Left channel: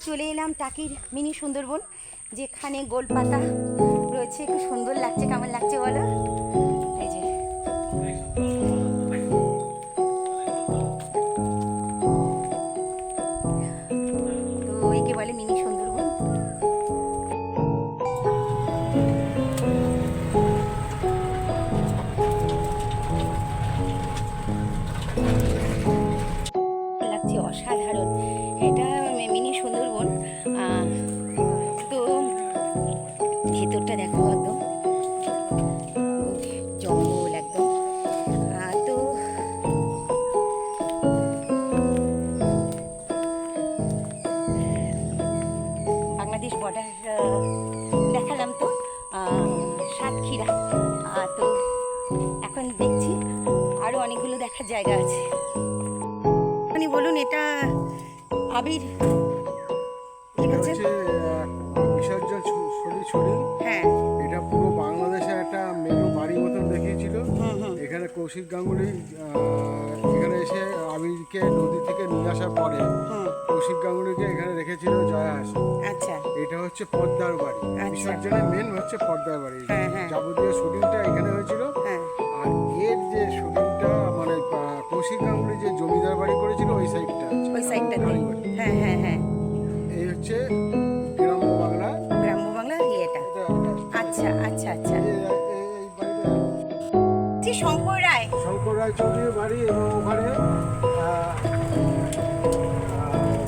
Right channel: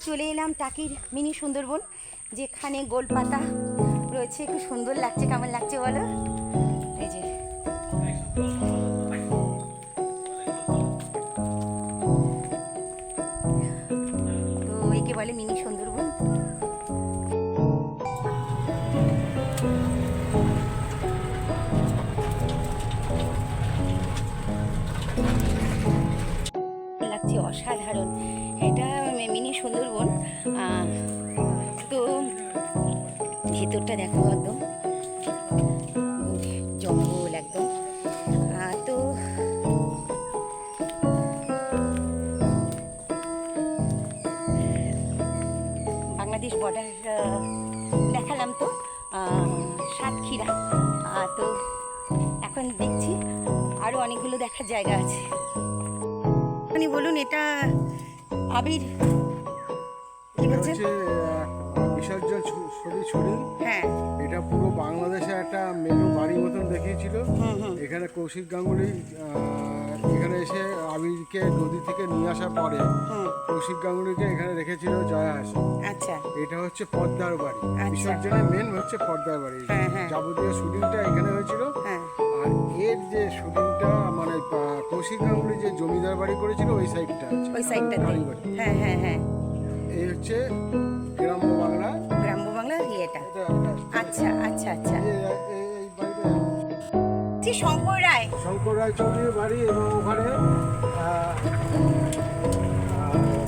চলে এলাম টাকির মিনি সুন্দরবন, যেখানে গোলপাতা রয়েছে। খুব সুন্দর লাগছে, কেমন লাগছে বলো? এই যে। তো একে বলে মিনি সুন্দরবন। লাগছে অসাধারণ। এটা তো ভেতরটা দেখো একদম। জঙ্গল একদম। তো বাংলাদেশ বর্ডার দেখালাম তো সাতক্ষীরা। তো এখন দেখছি আরও অনেকগুলো দেখার জায়গা আছে। আপনি বলুন, এটা আবির আহ, বিসর্জন ছড়ি ছড়ি হ্যাঁ। এটা পুরো বাংলাদেশে একটা মেনু বাড়ি মতন দেখিয়েছিল। এখানে কৌশিক গাঙ্গুলি এখানে এসে আবিরকে নদী থেকে নিয়ে আসার পরে কৌশিক গাঙ্গুলিকে এখানে রেখেছিল জয়া হাসি আচ্ছা। এটা হচ্ছে পদ্মার বাড়ি। আচ্ছা। বিসর্জনের মেন হচ্ছে পদ্মার বাড়ি। হ্যাঁ, হ্যাঁ। যাবতীয় শুটিংটা এখানে হয়েছিল। হ্যাঁ। আর এর যে শুটিংটা মানে কৌশিক গাঙ্গুলি যে জমিদার বাড়ি করেছিল ওই সাইডটা আছে। ওই কালীবাড়ি। হ্যাঁ হ্যাঁ হ্যাঁ। এই হচ্ছে গ্রাম্য বাংলা। গ্রাম্য বাংলার ইয়েটা আচ্ছা আচ্ছা আচ্ছা। শঙ্কর রায়। শঙ্কর রায় চৌধুরীর বাড়ি এবং ওখানে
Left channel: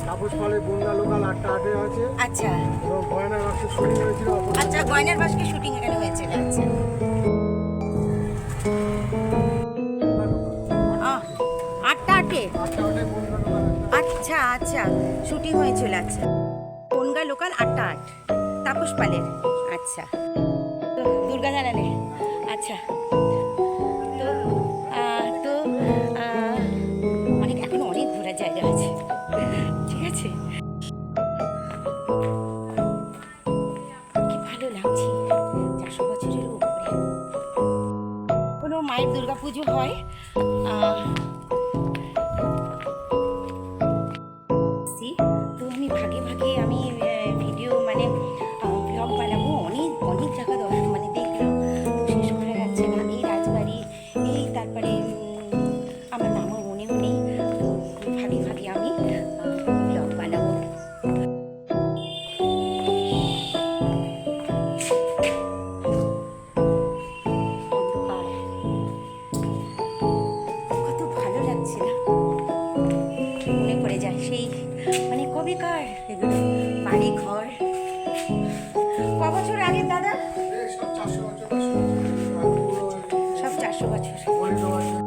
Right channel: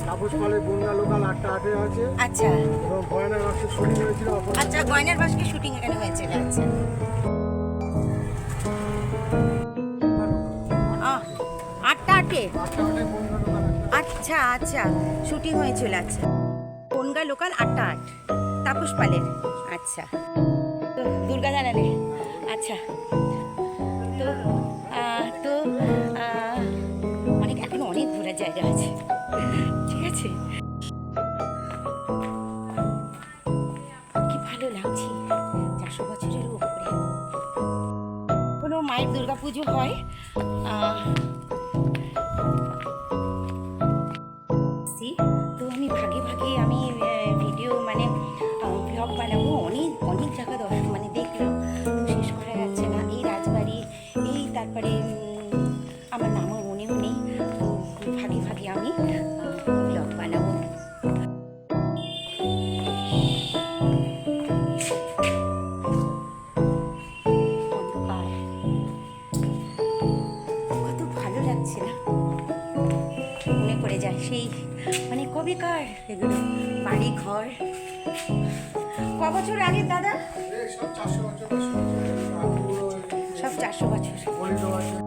তাপস পালের বন্যা লোকাল আটটা আটে আছে। আচ্ছা। এবং গয়না বাক্সের শুটিং হয়েছিল আচ্ছা গয়নার বাসকে শুটিং এখানে হয়েছিল আচ্ছা। আটটা আটে। আটটা আটে? আচ্ছা আচ্ছা। শুটিং হয়েছিল আচ্ছা। বনগা লোকাল আটটা আট। তাপস পালের। আচ্ছা। তো দুর্গা জানালে আচ্ছা। তো তো অনেক, এখনও অনেক ঘোরার জায়গা আছে। ঠিক আছে? কি ভালো লাগছে। চারশো বছরেরও উপরে। কোনো মায়ের দুর্গাপুজো হয়? বানাবো অনেক অনেক জায়গা দর্শন মানে দেখলাম। তো শেষ করা যাচ্ছে না। এই রাজবাড়ি, এই তারপরে আমার নামও মনেও নেই। তো ভাগে ভাগে আমি ব্লগ বানাবো। কত ভালো লাগছে না। মনে পড়ে যায় সেই মানে কবেকার এগুলো বাড়ি ঘর ক বছর আগে দাদা? সব চারশো বছর।